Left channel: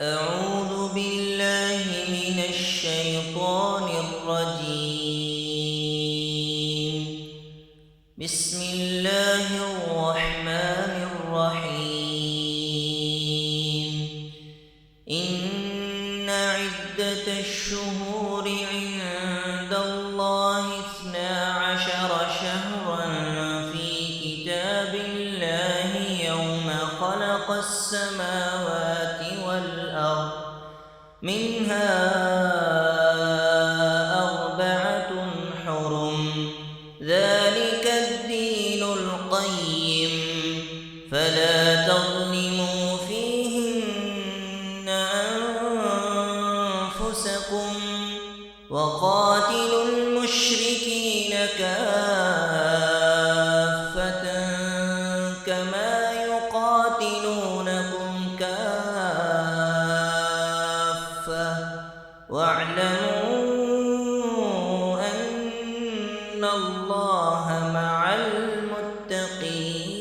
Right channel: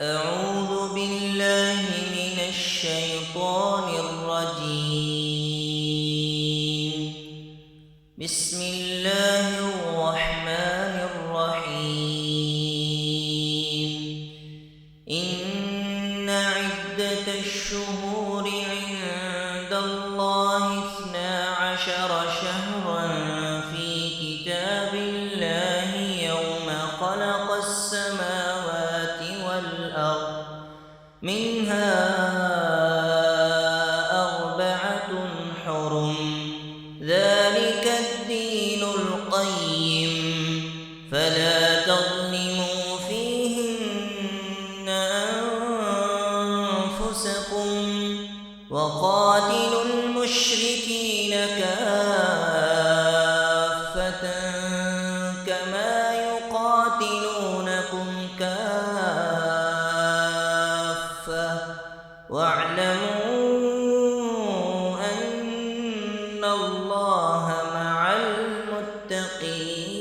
أعوذ بالله من الشيطان الرجيم. بسم الله الرحمن الرحيم. إن عدة الشهور عند الله 12 شهرا في كتاب الله يوم خلق السماوات والأرض، منها 4 حرم، ذلك الدين القيم، فلا تظلموا فيهن أنفسكم، وقاتلوا المشركين كافة كما يقاتلونكم كافة، واعلموا أن الله مع المتقين.